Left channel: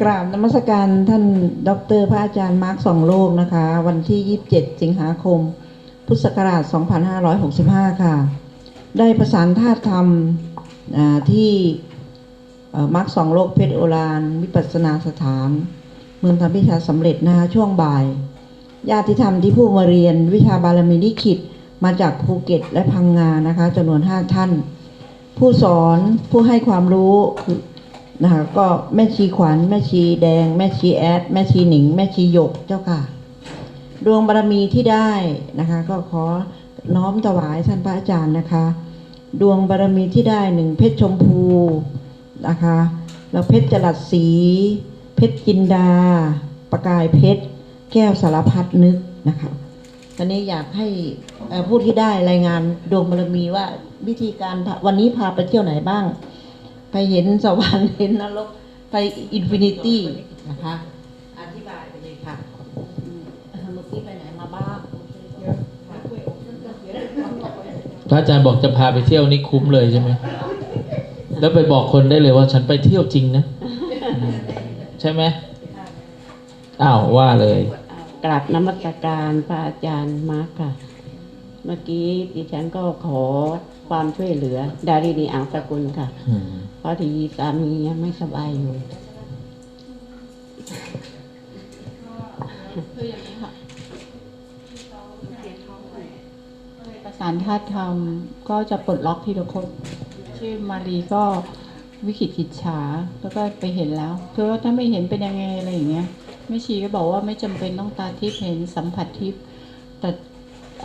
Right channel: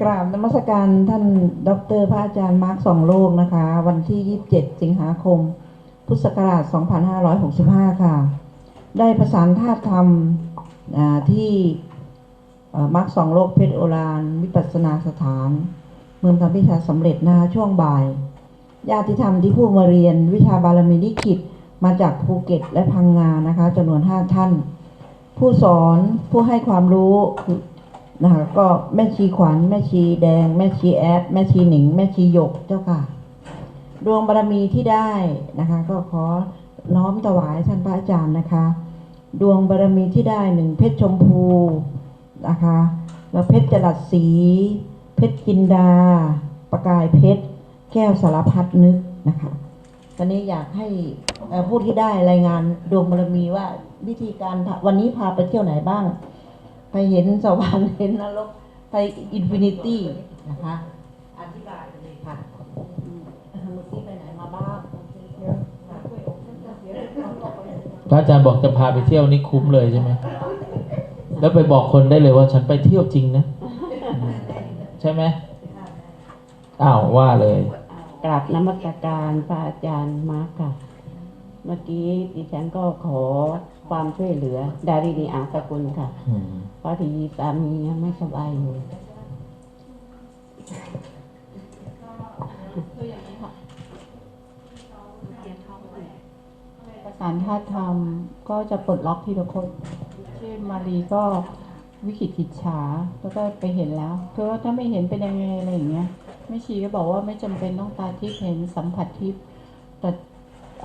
กราบนมัสการท่านดอกเตอรพระอาจารย์มาร์คสองโลกนะคะ วันที่ 27 สิงหาคม พุทธศักราช 2565 ค่ะ ได้ประสานธาตุธรรมอ่าที่มาร์คสองโลกเพชรโอรานวิปัสนาสถาน เมืองทำพิชาสำเร็จนะคะช่วงบ่าย ญาติธรรมที่ผู้มาเรียนวิชาบารมีลิขิตมาจากภูเก็ตและพังงานะคะจำนวน 5 ท่าน ผู้สอนผู้ให้ความรู้คือ นะคะก็แม่ชีขวัญ แม่ชีแดง แม่ชีแอด แม่ชีหนิง แม่ชีหยกเจ้าค่ะ ดวงบารมีที่ได้นะคะ ก็ขอน้อมถวายท่านพระอาจารย์นะคะ ดวงบารมีที่ได้หนึ่งเพชรชมพูนะคะแล้วเพชรจรัสสี เพชรจินดา ประกายเพชร แก้วสารพัดนึกนะคะตอนนี้อยากให้ผู้ที่ได้รายงานดวงบารมีว่าวิธีการวันนี้พาไปเที่ยวไหนบ้าง ไปเห็นสวรรค์เห็นนรกไปอินฟินิตี้นะคะอธิบายไปเลยค่ะเอ่อเมื่อกี้ไปไหนมาบ้างพระอาจารย์บอกจะพาไปเที่ยวนี่คุ้มเลยใช่ไหมแล้วไปบอกคนได้เลยว่าฉันไปเที่ยวจริงนะอืมใช่ไหมอ้าวว่าเลยกราบนมัสการพระอาจารย์มาร์คค่ะ เมื่อกี้ดิฉันก็ขอ ความช่วยเหลือ ดารินีอังสกุลค่ะอืมเพราะที่สามียังไม่สบายอยู่ประสานธาตุธรรมก็จะปลดล็อกทีละคนชื่อมารีก็วิกฤตกิจฉาแล้วก็ไปเห็นแล้วคือว่าถ้าไม่เห็นเป็นยังไงอะไรอย่างเงี้ยแม่ชีก็บอกว่าไม่จำเป็นต้องตาทิพย์เห็นสัมผัสทิพย์แต่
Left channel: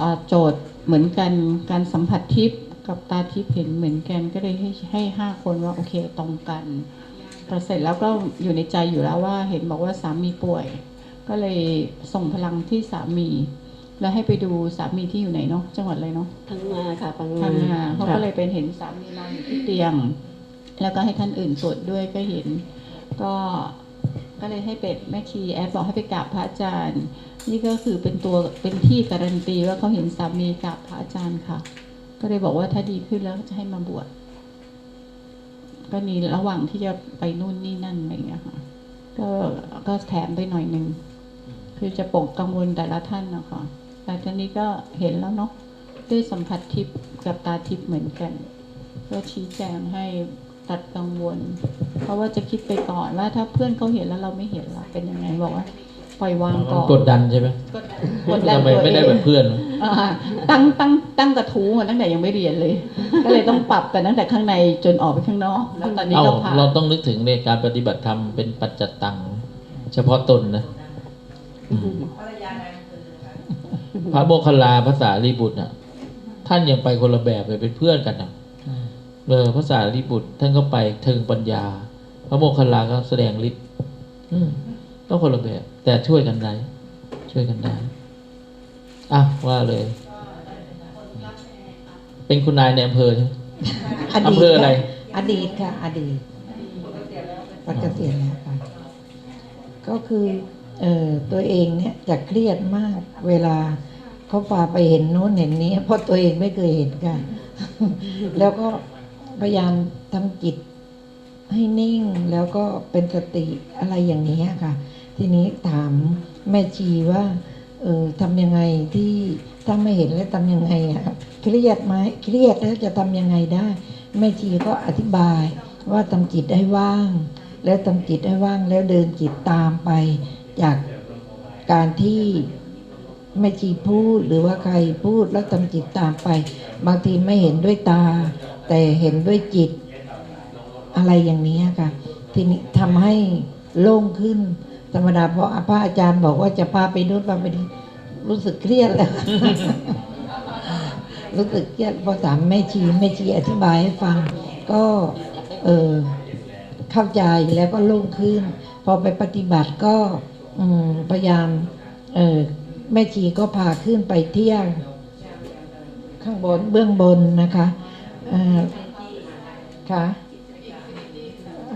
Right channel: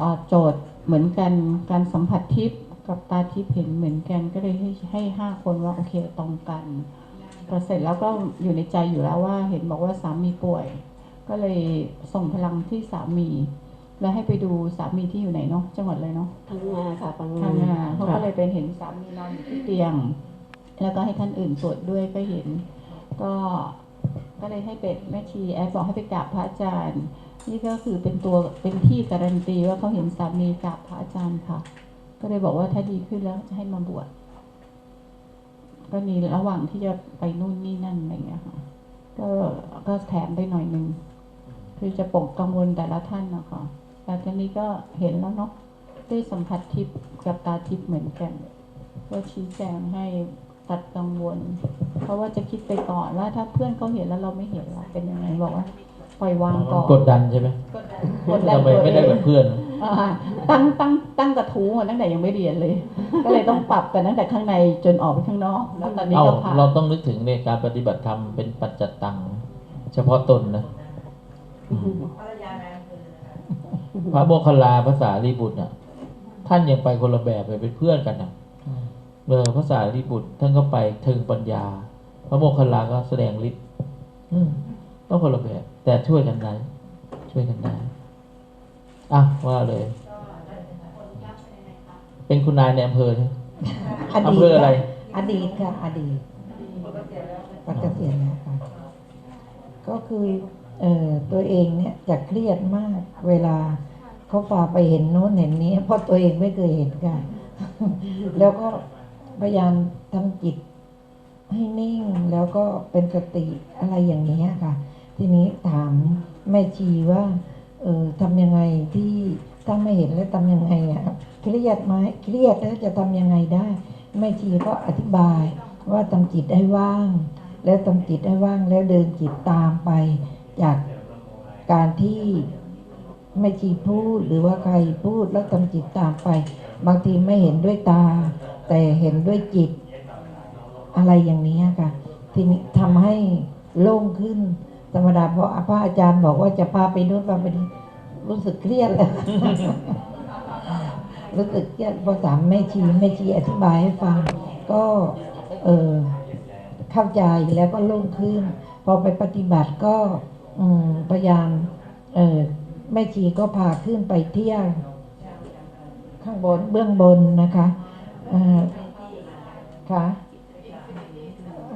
อ่าโจทย์เหมือนกันการสัมผัสทิพย์ กับตาทิพย์เห็นเหมือนกันก็เลยให้ให้ห้าคนว่าโอเคตรงกันพอเสร็จแล้วก็อยู่ในใจอยู่แล้วว่า เห็นบอกว่าสามีป่วย ก็เลยส่งพลังที่สามี แล้วให้ไปดูสามีที่อยู่ไหนเนาะจังหวัดอะไรเนาะทั้งมาค่ะพังทำงานเขาค่ะก็เลยเป็นเห็นสามีนอนอยู่ที่เตียง แล้วก็ให้ท่านอื่นสวดด้วยก็เห็น ก็ก็เลยให้เป็ดแม่ชีแอดบอกให้ไปกราบพระอาจารย์ นี่ก็คือเป็นตัวเป็นที่การันตีว่าเขาเห็นสามีกราบพระอาจารย์ค่ะ ก็เลยบอกว่าถ้าดีขึ้นแล้วจะให้มาบวชก็นี่ระหว่างที่จะไปนู่นนี่นั่นอะไรอย่างเงี้ยค่ะก็ก็แถมไปหน่อยหนึ่งคือจะปกกังวลแต่ละท่านนะคะแต่ตอนนี้ก็เห็นแล้วเนาะด้วยสัมผัสทิพย์กับตาทิพย์เหมือนกัน ก็ชี้แจงให้ตัดกังวล เพราะว่าจะคิดไปก่อนว่าถ้าเพื่อนเขาเห็นแล้วเราไม่เห็นเราเป็นยังไงบอกว่า ล่อยวางก่อนกดดันใช่ไหมกดดันกดดันทำไมตัวไม่ได้เอแบงบเพื่อนอ่าตั้งตั้งตั้งกระทู้มาตั้งแต่ยังไม่เรียนเลย ก็เลยต้องปรับกันตั้งแต่ข้างในจนออกไปข้างนอกแล้วตอนนี้เอ้าก็ผ่านเราต้องนึกถึงในการปฏิบัติธรรมเป็นปัจจตัง เฉพาะตนนะอืมพระโมคคัลลาภาษาลีบุตรอะ ท่านยังไปคนละแบบเลยเป็นเพื่อนกันอะเออภาษาลีบุตร ท่านก็ไปเทิงปัญญา พระโมคคัลลาก็แสดงฤทธิ์อืมต้องคนละแบบ แต่ช่วยกันได้ช่วยกันได้อะว่าเลย เป็นคุณนายในอำเภอใช่ไหมอำเภออะไร อดีตค่ะ อดีตปัจเกษียณแล้วค่ะก็คือเอ่อตัวเองเนี่ยจะเครียดมาก เวลาเขาพาไปเห็นโน้นเห็นนี้ เพราะตัวเองไม่เคยเห็นกัน แล้วก็พยายามทำจิตให้นิ่งแล้วก็เป็นสติอะไรอย่างนี้ยค่ะ ทีนี้ถามแม่ชีว่าเออทำยังไงที่ถ้าไม่เห็นแล้วทำยังไงอะเครียดไหมเครียดแล้วจะทำยังไงได้แม่ชีก็อธิบายว่าทำจิตให้ว่าง แล้วทำจิตให้ว่างแล้วเดินจิตตามไป จากการที่แม่ชีพูดหรือว่าใครพูดแล้วทำจิตตามไป บางทีไม่เห็นด้วยตา แต่เห็นด้วยจิต อะไรอย่างนี้ค่ะ ทีนี้ทำให้โล่งขึ้น ธรรมดาเพราะพระอาจารย์บอกว่าจะพาไปนู่นพาไปนี่รู้สึกเครียดแล้ว รู้สึกเครียดพอถามแม่ชีแม่ชีอธิบายให้ฟัง ก็เออเข้าใจแล้วก็โล่งขึ้น พอไปปฏิบัติก็อืพยายามเออแม่ชีก็พาขึ้นไปเที่ยวข้างบนเบื้องบนนะคะอ่าค่ะ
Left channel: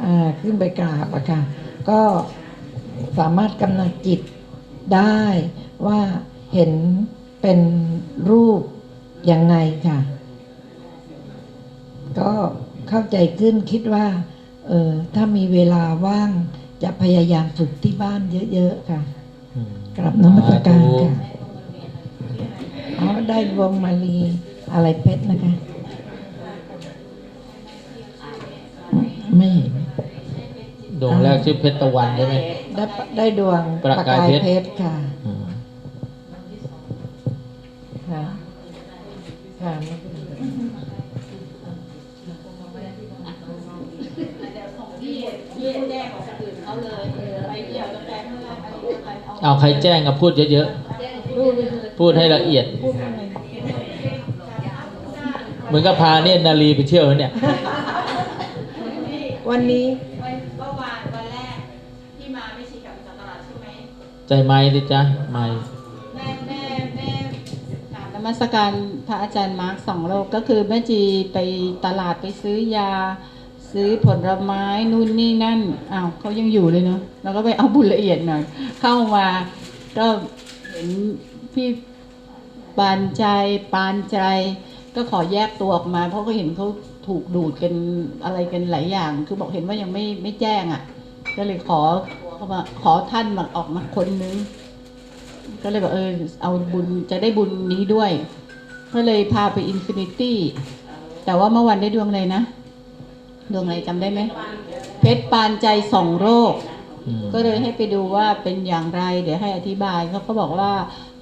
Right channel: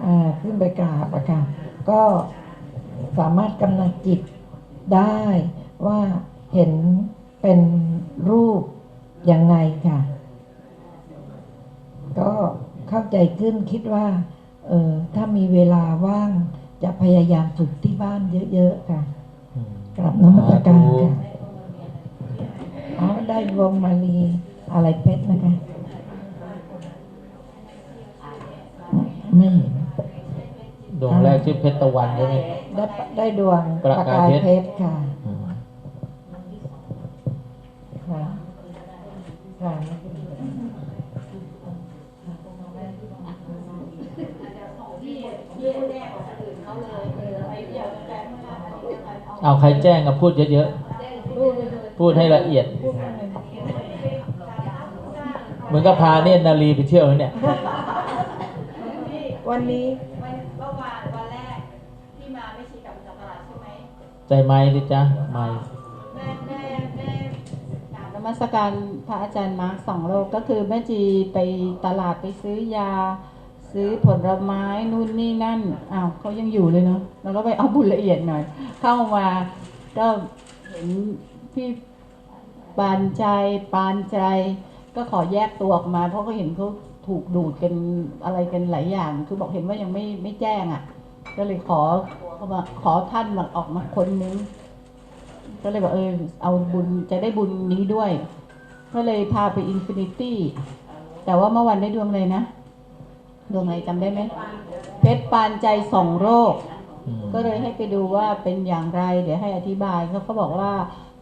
อ่าขึ้นไปกราบอะค่ะก็ สามารถกำหนดจิตได้ว่าเห็นเป็นรูปยังไงค่ะ ก็เข้าใจขึ้นคิดว่า เออถ้ามีเวลาว่างจะพยายามฝึกที่บ้านเยอะๆค่ะ กลับนมัสการค่ะ อ๋อ ได้วงมาลีอะไรเพชรนะคะ ไม่เห็น ดวงแรกชื่อเพชรตะวันใช่ไหมได้ปะได้ดวงประกายเพชรชรค่ะอืมค่ะค่ะเอาใครแจ้งก็พูดเยอะๆ พูดให้ละเอียด เหมือนกับพาเนตรนารีไปเที่ยวเนี่ย วันนี้ ใจไม้ดิจ้ะไม้แม่แม่แม่กราบนมัสการพระอาจารย์มาร์คสองโลกก็คือแม่จีไปตลาดไปซื้อยา ซื้อผลไม้นู่นนี่นั่นอ้าวเขายังอยู่เลยเนาะเราก็ไปเอาบุญละเอียดหน่อย เข้ามา ก็เห็นพี่ปานใจปานใจ ก็ขอแยกตัวออกมา เพราะก็เห็นเขาถูกดูดกันอะไรกันหลายอย่าง คือบอกเห็นว่ายังไม่ไม่แจ้งอะ ก็เลยขอ เขามาขอท่านมาออกมาคนนึง ก็เลยบอกเออเอาบุญจะได้บุญนี้ด้วย ก็เลยพาไปอินฟินิตี้ แต่ว่าเมื่อวันได้ดวงอะไรนะ ดวงอะไรจำได้ไหม เพชรปานใจสองโรคอืมก็เลยให้ไปดูว่าเป็นอย่างไร เดี๋ยวให้อธิบายเขาก็บอกว่า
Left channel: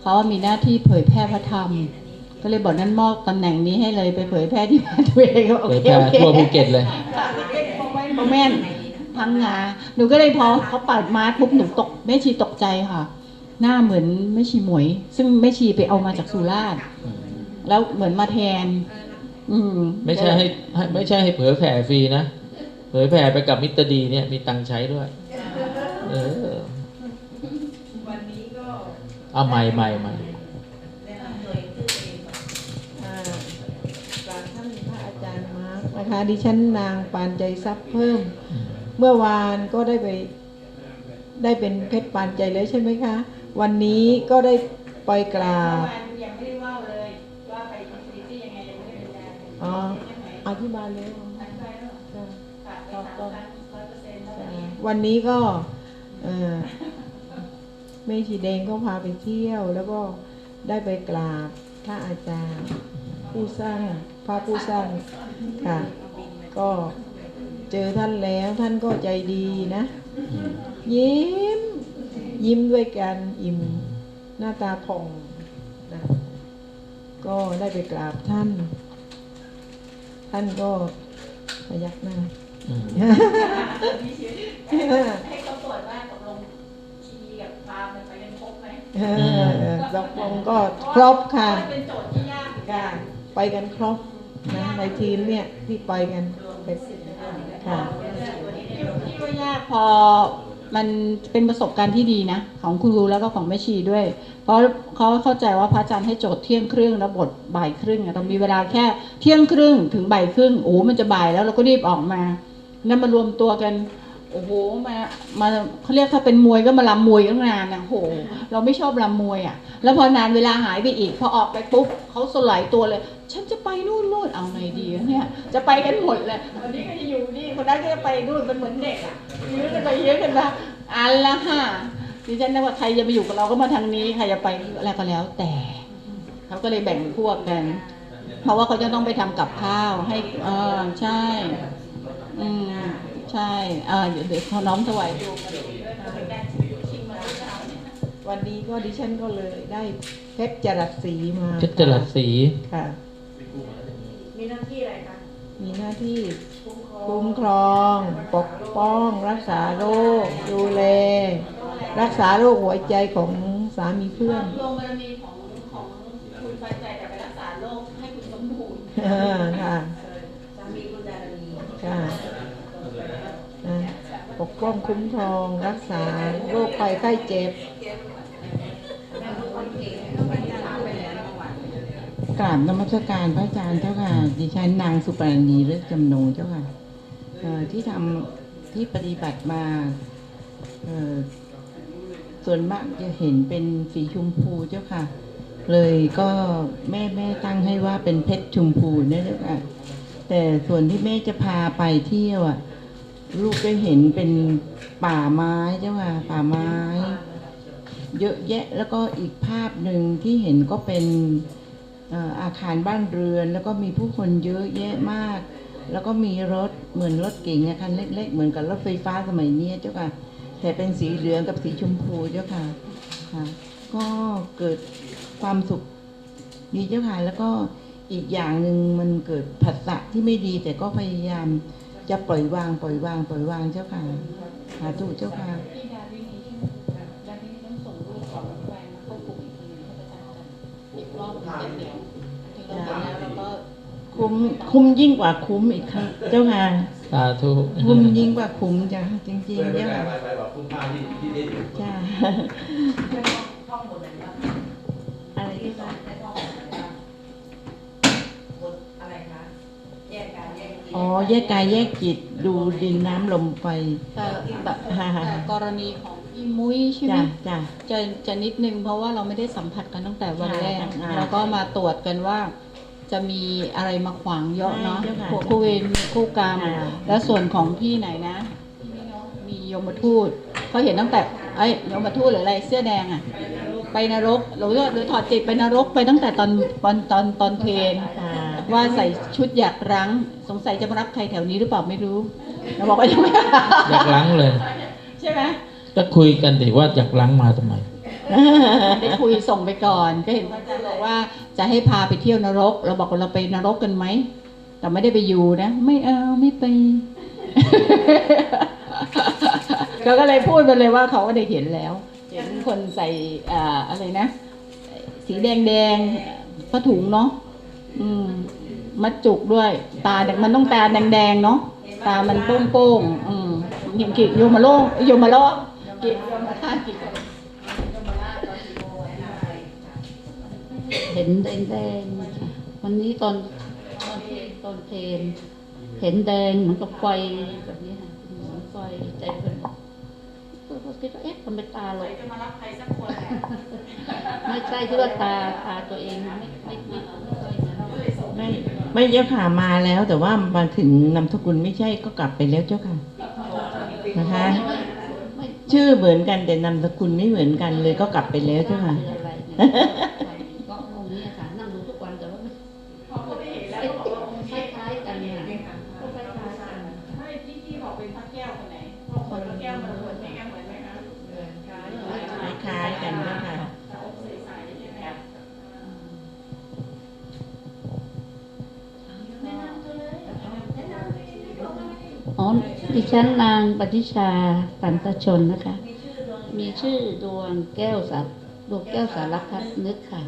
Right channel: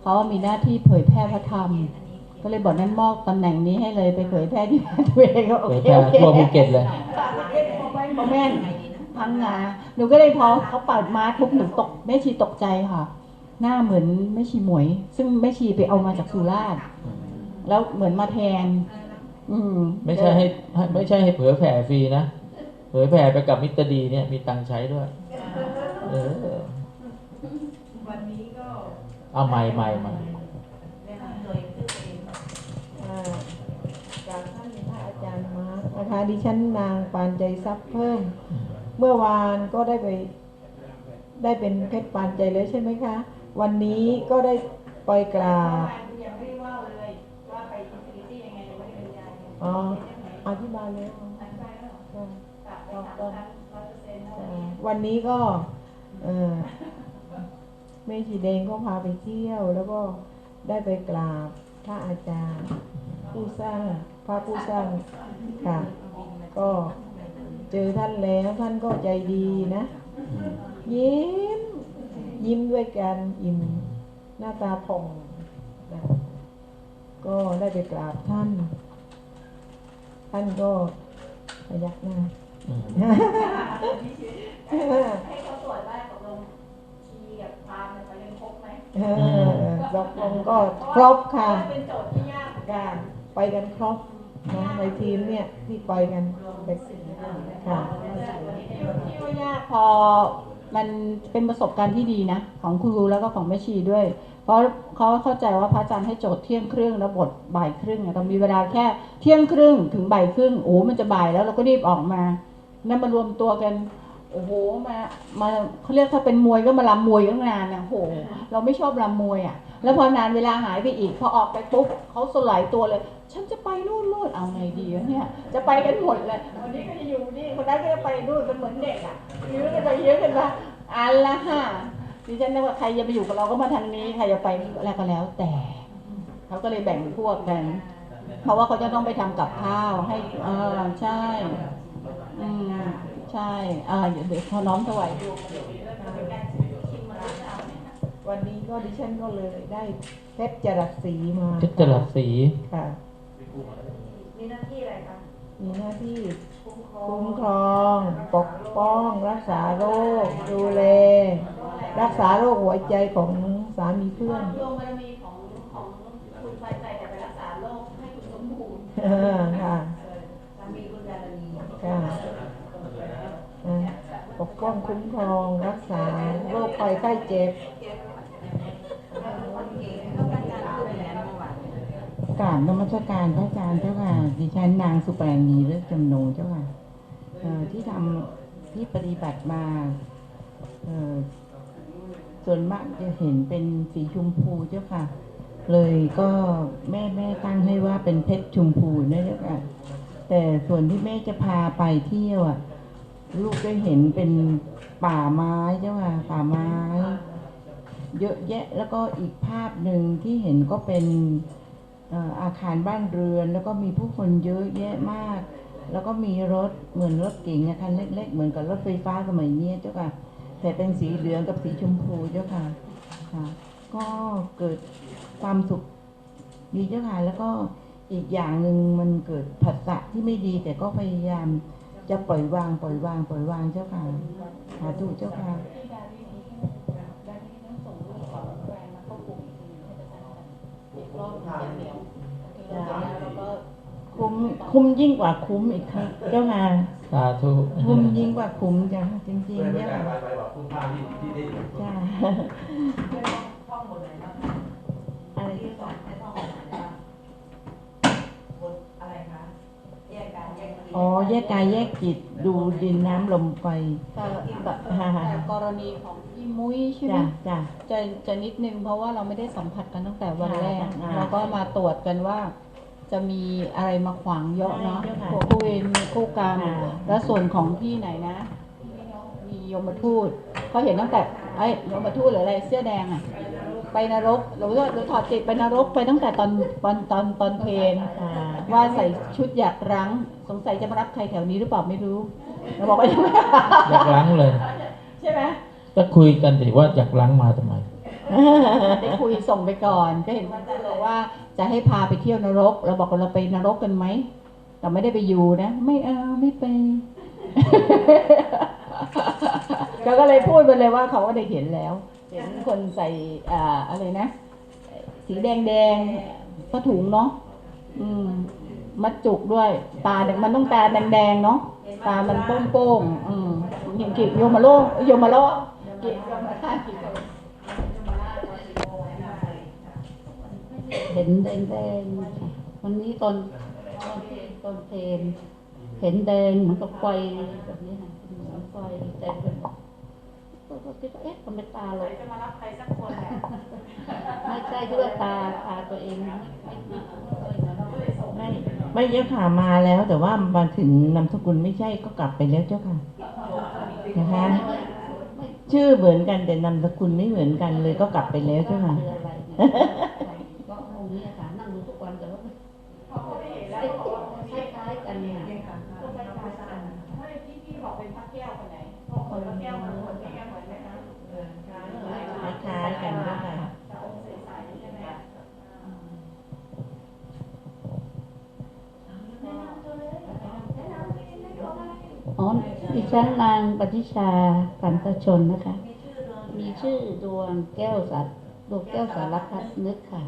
เขามีหน้าที่เผยแพร่พระธรรม ก็เลยบอกนั่นมอบตำแหน่งนี้ให้เลยไปเผยแพร่ที่บ้านตัวเองก็โอเผยเคแพร่โอเคทั่วภูเก็ตเลยคอมเมนต์ พังงาหนูก็เลยพอเขาปัดมาปุ๊บหนูตกแม่ชีตกใจค่ะ หน้าเหมือนแม่ชีหมวย ซึ่งแม่ชีไปเอามาจากสุราษฎร์แล้วเหมือนมาแทน อืมไม่ใช่ให้ให้ไม่ใช่ให้เผยแผ่ฟรีนะเผยแผ่ไปกับมิตรดีเนี่ยมีตังค์ใช้ด้วย เออวันนี้ก็เอาใหม่ใหม่ใหม่อ่ากราบท่านพระอาจารย์มาร์คนะคะดิฉันนางปานใจทรัพย์เพิ่ม เมื่อวานก็ได้ไปได้เป็นเพชรปานใจแล้วใช่ไหมคะ วันนี้ก็ได้ไปกราบยังไม่ได้ว่าเลยว่าไปอินฟินิตี้ยังไงยังไม่ได้บรรยายอ๋ออธิบายเลยอธิบายแล้วเหรอค่ะกลับไปสามครั้งร้อยเปอร์เซ็นต์แล้วอ่าวันนี้ก็เออแม่ชีแดงก็พาไปเที่ยว แล้วก็ได้ไปกราบพระอาจารย์ผู้สร้างพระผู้สร้างค่ะ ก็ เจอท่านแล้วท่านก็ใจดีนะอืมยิ้ม ยิ้มด้วยกันอิ่มหน้าตาผ่องนะก็ได้ไปกราบท่าน ท่านก็พยักหน้าอืมให้เขาตรวจว่าตกลงชีกับพามันไปกันครบไหมเออตกลงก็ครบค่ะเพราเป็นโจทย์ที่ยากค่ะไปกันครบนะในทีมเนี่ยที่ไปกันเป็น ค่ะที่ว่ายากพอมันเป็นประสบการณ์ที่ดีนะ ของคุณรูแล้วก็ของแม่ชีด้วย เพราะเขาเข้าใจว่าพระอาจารย์ให้โจทย์เที่ยงครึ่งแล้วบทบ่ายครึ่งอะเรามีเวลาแค่เที่ยงครึ่งถึงบ่ายครึ่งโอ้มันจะบ่ายแล้วเราก็รีบออกมานั่นมารวมตัวกันโอ้โหมามาเขาเรียกถ้าเป็นมวยก็มาลำมวยตั้งนานนะโอ้โห เราไม่ชอบลำมวยอะ แล้วพอนานเวลาหายไปอีก พอออกไปปุ๊บเขาสลายตัวเลย ฉันจะไปนู่นนู่นเอาไงดีเนี่ย จะไปกันหมดเลยวันนี้ก็จะอยู่นี่คนนั้นก็จะไปนู่นเป็นเหมือนเด็กอะยื้อกันไปเยอะกันมาอันละค่ะดิฉันนึกว่าใครจะมาอยู่กับเราก็มาทางนี้ใครจะไปอะไรก็แล้วแต่เขาก็เลยแบ่งพวกกันเพราะว่าเขาจะต้องไปทำกับข้าวให้เออใช่อืมใช่อ่าเดี๋ยเดี๋ยวน้องถวายวันนี้ก็ดิฉันก็เลยได้เพชรจรัสสีมาเพชรจรัสสีค่ะ มีหน้าที่อะไรคะมีหน้าที่คุ้มครอง ปกป้อง รักษาโรคดูแล รักษาโรคหัวใจของสามีเพื่อนโรงบารมีของของคุณปานใจแต่ไปรักษาโรคให้คุณสมบูรณ์เออค่ะสามีคุณดารณีค่ะนะปกป้องคุ้มครองรักษาโรคภัยไข้เจ็บ กราบนมัสการพระอาจารย์เจ้าค่ะดิฉันนางสุปรณีเลิศจำนงเจ้าค่ะที่ทำที่ปฏิบัติมาส่วนมากจะเห็นเป็นสีชมพูเจ้าค่ะ เลยก็แม่แม่ตั้งให้ว่าเป็นเพชรชมพูเนี่ยเจ้าค่ะแต่ส่วนที่แม่จะพาไปเที่ยวอะ ลูกได้เห็นเป็นป่าไม้เจ้าค่ะป่าไม้ เยอะแยะแล้วก็อีกภาพหนึ่งที่เห็นก็เป็น อาคารบ้านเรือน แล้วก็มีผู้คนเยอะแยะมาก แล้วก็มีรถเหมือนรถเก๋งคันเล็ก ๆ เหมือนกับรถไฟฟ้าสมัยนี้เจ้าค่ะ แต่เป็นสีเหลืองกับสีชมพูเจ้าค่ะค่ะ ก็เกิดความสุขดีเจ้าค่ะแล้วก็อีกอย่างหนึ่งมันเกิดผัสสะที่ไม่ดี แต่ก็พยายามจะปล่อยวางปล่อยวางปล่อยวางเจ้าค่ะสาธุเจ้าค่ะ คุ้มคุ้มยิ่งกว่าคุ้มอีกครับเจ้าค่ะ สาธุคุ้มยิ่งกว่าคุ้มจ้ะจริงๆเจ้าค่ะไปไปแบบคุณค่าที่ที่ได้จ้าอะไรที่ว่าอ๋อ แยกกายแยกจิตดูดินน้ำลมไฟแต่กรณีของ มุ้ยใช่ไหมจ้าจ้าจะจะนิดนึงเพราะว่าเราไม่ได้สัมผัสกันตั้งแต่วันแรกอ่าเราก็มาตรวจกันว่า จะมีอะไรมาขวางเยอะเนาะใช่เจ้าค่ะพวกคู่เวรมีคู่กรรมอ่าและส่วนของพี่ไหนนะ มีโยมทูตเขาเห็นตั้งแต่ไอ้ยโยมทูตหรืออะไรเสื้อแดงอะไปนรกหรือหรือถอดจิตไปนรกไปตั้งแต่ตอนตอนตอนตอนเพลนอ่าว่าใส่ชุดอยากรั้ง สงสัยจะมารับใครแถวนี้หรือเปล่าไม่รู้เราบอกว่ายังไม่ อยากล้างเลย ใช่ไหม ก็คุยกันดิว่าอยากล้างมาทำไม ได้คุยส่งไปก่อน ก็เห็นว่าจะบอกว่าจะให้พาไปเที่ยวนรก เราบอกว่าเราไปนรกกันไหมแต่ไม่ได้ไปอยู่นะ ไม่เอาไม่ไป เราก็เลยพูดไปเลยว่าเขาก็ได้เห็นแล้ว เห็นคนใส่อ่าอะไรนะ สีแดงแดงๆผ้าถุงเนาะอืมมัดจุกด้วย ตาเนี่ยมันต้องตาแดงๆเนาะตามันโป้งๆอืมยิงกิโยมาโลกโยมาโลก กิโยมาท่ากิเห็นแดงแดงๆวันนี้ตอนตอนเพลงตอนเห็นแดงเหมือนกับไฟแบบนี้ค่ะเหมือนไฟแต่เป็นก็คิดว่าเอ๊ะมันเป็นตาเลยจะมารับใครสักคนไม่ใช่ที่ว่าตาตาตัวเองไม่ไม่ไม่ไม่ใช่นะไม่ไม่เจ้าค่ะมาแล้วแต่ว่ามาถึงนามสกุลไม่ใช่ก็กลับไปแล้วเจ้าค่ะนะคะไม่ ชื่อเหมือนกันแต่นามสกุลไม่เหมือนกันเลยก็กลับไปแล้วเจ้าค่ะ ดิฉันนางปฏิชาปันตชนนะคะ มีชื่อดวงแก้วสัตดวงแก้วสารพัดนึกค่ะ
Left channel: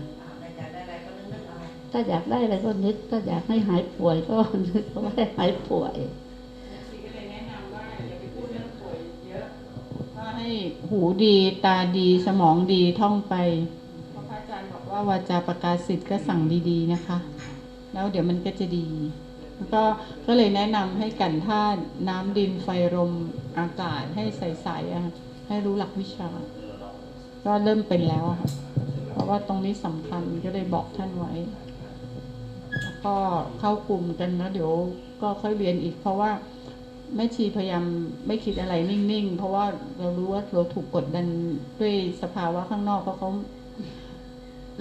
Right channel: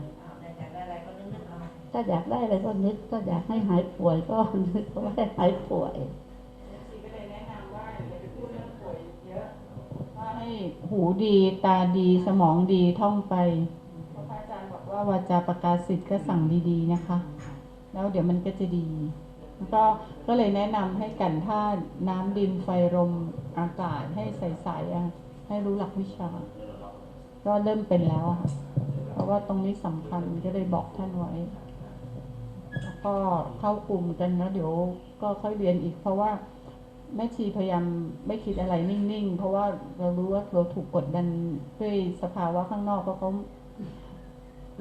ถ้าอยากได้อะไรก็นึก ถ้าอยากให้หายป่วยก็นึกว่าให้หายป่วยให้หูดีตาดีสมองดีท่องไปพระอาจารย์บอกว่าวาจาประกาศสิทธิ์ก็สั่งดีๆนะคะ แล้วเดี๋ยวมันก็จะดี แล้วก็ก็เลยแนะนำให้กันธาตุน้ำดินไฟลมอากาศให้ใสๆอะให้รู้หลักวิชา ก็เริ่มเป็นแล้วอะค่ะเพราะว่าตรงนี้สำคัญก็เลยบอกท่านไว้ แล้วก็เข้ากลุ่มกันแล้วเดี๋ยวก็ค่อยเรียนอีก เพราะว่าแม่ชีพยายามไม่คิดอะไรนิ่งๆ เพราะว่าเรารู้ว่าเราถูกกดดันด้วยสภาวะข้างนอกเพราะเขา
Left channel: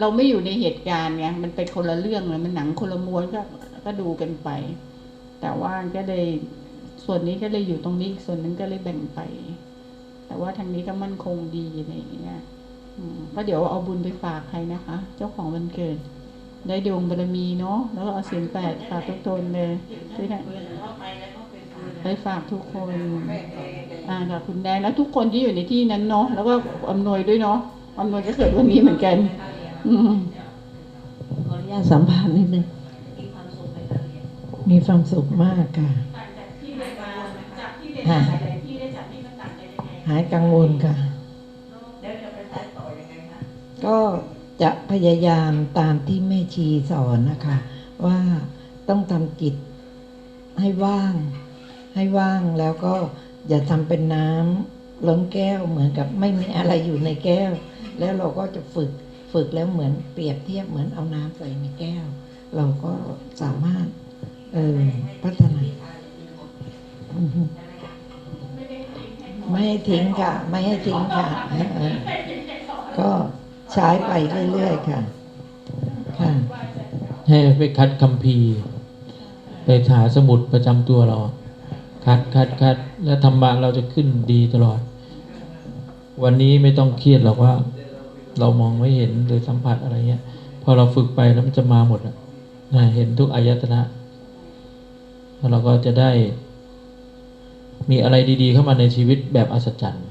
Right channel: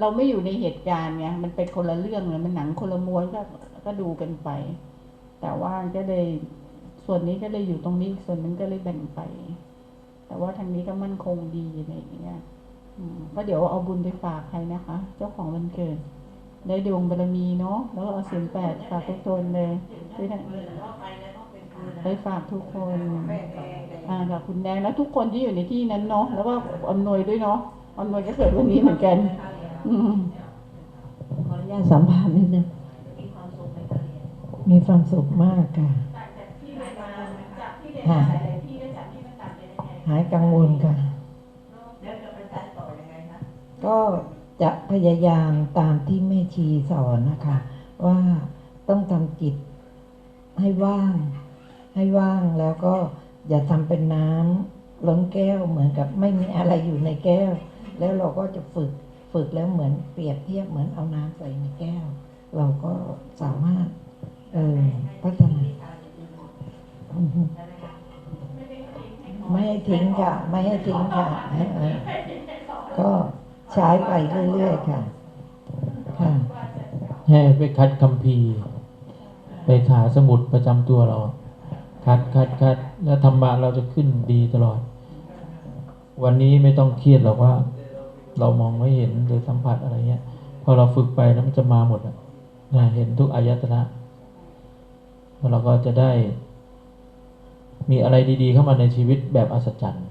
เราไม่อยู่ในเหตุการณ์ไงมันเป็นคนละเรื่องเลยมันหนังคนละม้วนก็ ก็ดูกันไป แต่ว่าก็เลยส่วนนี้ก็เลยอยู่ตรงนี้อีกส่วนหนึงก็เลยแบ่งไป แต่ว่าทางนี้ก็มั่นคงดีอะไรอย่างเงี้ยก็เดี๋ยวเอาบุญไปฝากใครนะคะ เจ้าของวันเกิด ได้ดวงบารมีเนาะแล้วเอาเสียงแปดฝากทุกตนเลยที่ไหนได้ฝากทุกคนอ่ากับคุณแดงแล้วทุกคนที่อยู่ในที่นั้นเนาะแล้วก็อำนวยด้วยเนาะอำนวยก็เกิดวันนี้เหมือนกัน อืมขออนุญาตสัมภาษณ์นิดนึง มีความสุขมากค่ะหายหายกังวลค่ะ ก็จะพยายามตามที่แม่ชีสอนนะคะ ว่าต้องทำจิตให้ว่าง ให้ว่างแล้วก็อย่าทำเป็นน้ำล้นแก้วเหมือนกับไม่มีอะไรอยู่ในแก้ว แล้วเราก็จะฝึกฝึกแล้วเหมือนเปรียบเทียบเหมือนเอาน้ำใส่ในแก้ว เราก็สามารถ เออพัฒนาอือฮึทิ้งค่ะ ไม่ให้ทิ้งค่ะก็ใช้ไปเรื่อยๆค่ะ ค่ะ ให้ไปคัดคัมภีร์ไปหาสมุดประจำตัวเรา คัดคัดคัดแล้วธรรมะเราจะขึ้นดีตลอด วันนี้ไม่ต้องเครียดหรอกว่า เรามองไม่เห็นหรือสัมผัสอะไรเงี้ย พอเราฝึกไปแล้วมันจะมาหมดอะนะเห็นทุกอายตนะ แล้วเราก็จะได้มีอะไรดี ๆ เข้ามาในชีวิตแบบอัศจรรย์